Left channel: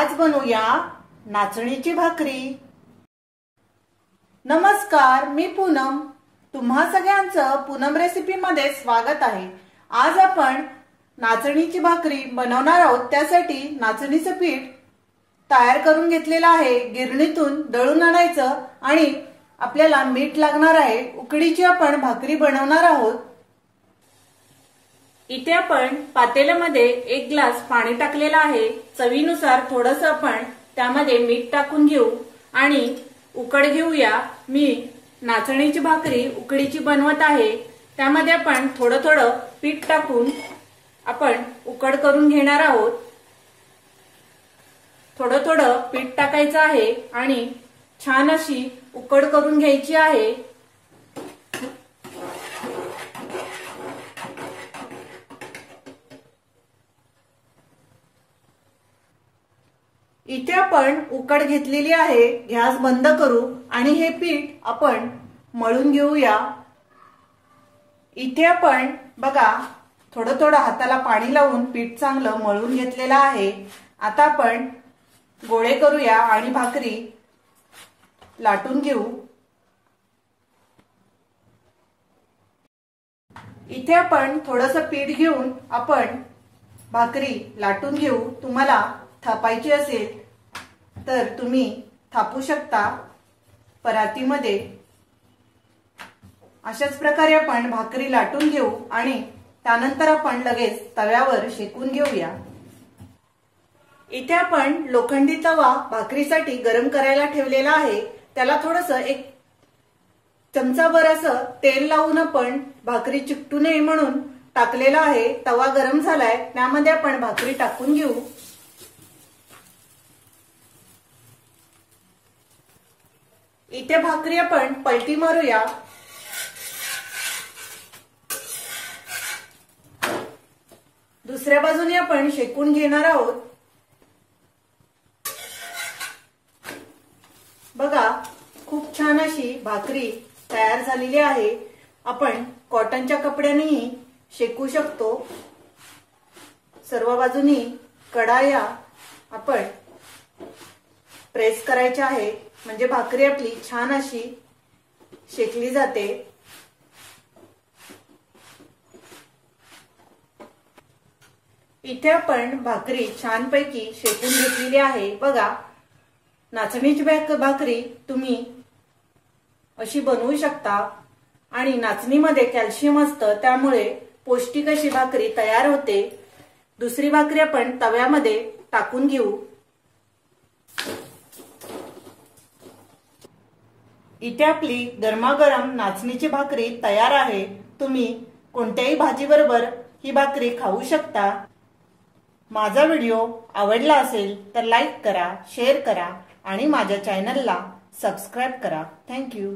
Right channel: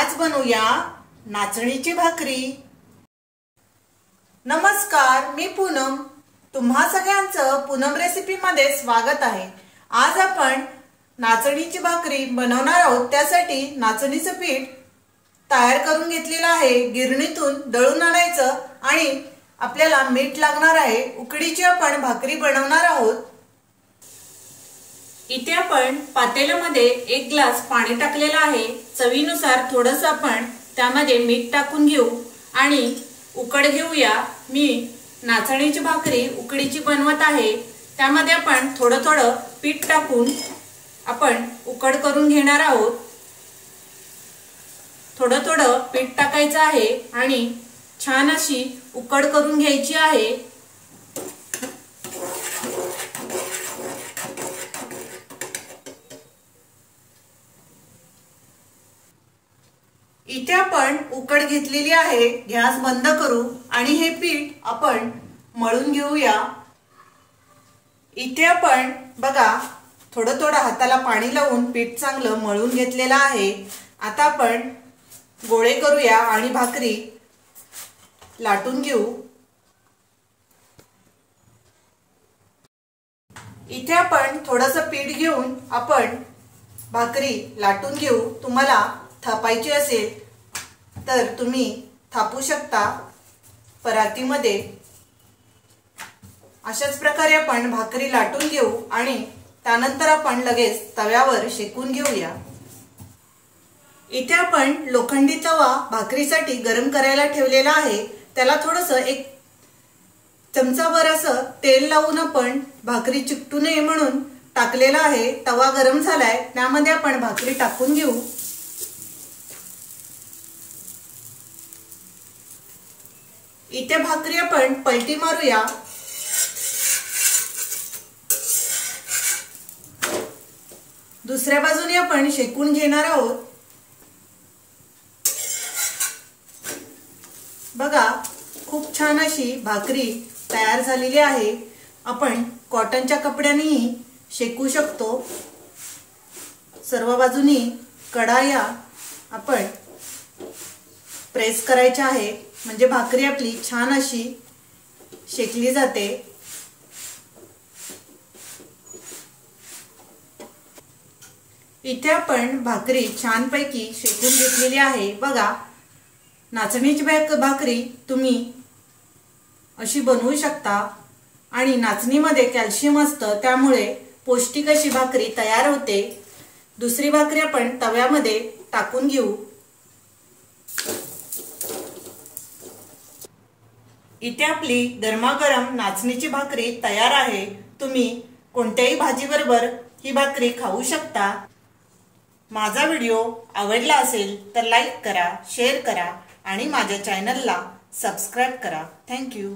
आज बनवूया नाचणीची भाकरी। नमस्कार, मी पूनम। तुम्हा सगळ्यांचं पूनम रेसिपी मध्ये स्वागत आहे। आज आपण नाचणीची भाकरी बनवणार आहोत। त्यासाठी नाचणीचं पीठ तयार करून घेतलेलं आहे। गिरणीतून दळून आणायचं आणि आपल्याला मीठ लागणार आहे। उकडीची आपण भाकरी बनवणार आहोत। इथे आपण पातेल्यामध्ये 1 ग्लास पाणी टाकलेलं आहे। चवीनुसार थोडंसं आपण त्यामध्ये मीठ टाकून घेऊ आणि उकड घेऊया। मी नाचणीची भाकरी उकडीची बनवत आहे। त्यामध्ये आपण थोडं थोडं पीठ टाकून आपण उकड करून घेणार आहोत। थोडं थोडं पीठ टाकायचं आहे आणि छान अशी उकड करून घ्यायची आहे। इथे आपण उकड घेतलेली आहे। गॅस बंद करू आणि हे पीठ आपण मळून घेऊया। इथे आपण बघा थोडं थोडं हाताला पाणी लावून पीठ चांगलं मळून घेतलेलं आहे। आता आपण गोळे करूया आणि भाकरी लाटून घेऊ। इथे आपण थोडंसं पीठ घेऊन आपण भाकरी लाटून घेऊ। तुम्हाला थापायची असेल तर तुम्ही थापू शकता परातीमध्ये। अशाच प्रकारे आपण भाकरी लाटून घेऊ आणि त्यानंतर आपण लगेच तव्यावर शेकून घेऊया। इथे आपण लोखंडी तवा भाकरीसाठी गरम करायला ठेवलेला आहे। त्याला थोडंसं 1 चमचाभर असं तेल लावून आपण भाकरी चिकटू नये म्हणून टाकलेला आहे। तवा गरम झालाय, त्यामध्ये आपण भाकरी टाकून घेऊ। इथे भाकरी आपण पलटी मारूया। दुसऱ्या बाजूने आपण शेकून घेणार आहोत। बघा खूप छान अशी भाकरी तयार झालेली आहे। आपण कॉटनच्या कपड्यानेही शेकू शकतो। सर्व बाजूनी कडाया आपण प्रेस करायच्या आहे, म्हणजे भाकरी आपली छान अशी शेकली जाते। इथे आपण भाकरी छानपैकी शेकून घेतलेली आहे। बघा नाचणीची भाकरी तुम्ही अशी बनवू शकता आणि नाचणीमध्ये कॅल्शियम असतं, त्यामुळे पौष्टिक अशी भाकरी तयार होते। दुसरी भाकरी आपण तव्यामध्ये टाकून घेऊ। इथे आपली गरमागरम नाचणीची भाकरी तयार आहे। तुम्ही कोणत्याही भाजी बरोबर ही भाकरी खाऊ शकता। माझा व्हिडिओ आवडला असेल तर लाईक करा, शेअर करा आणि माझ्या चॅनलला सबस्क्राइब करा। Thank you.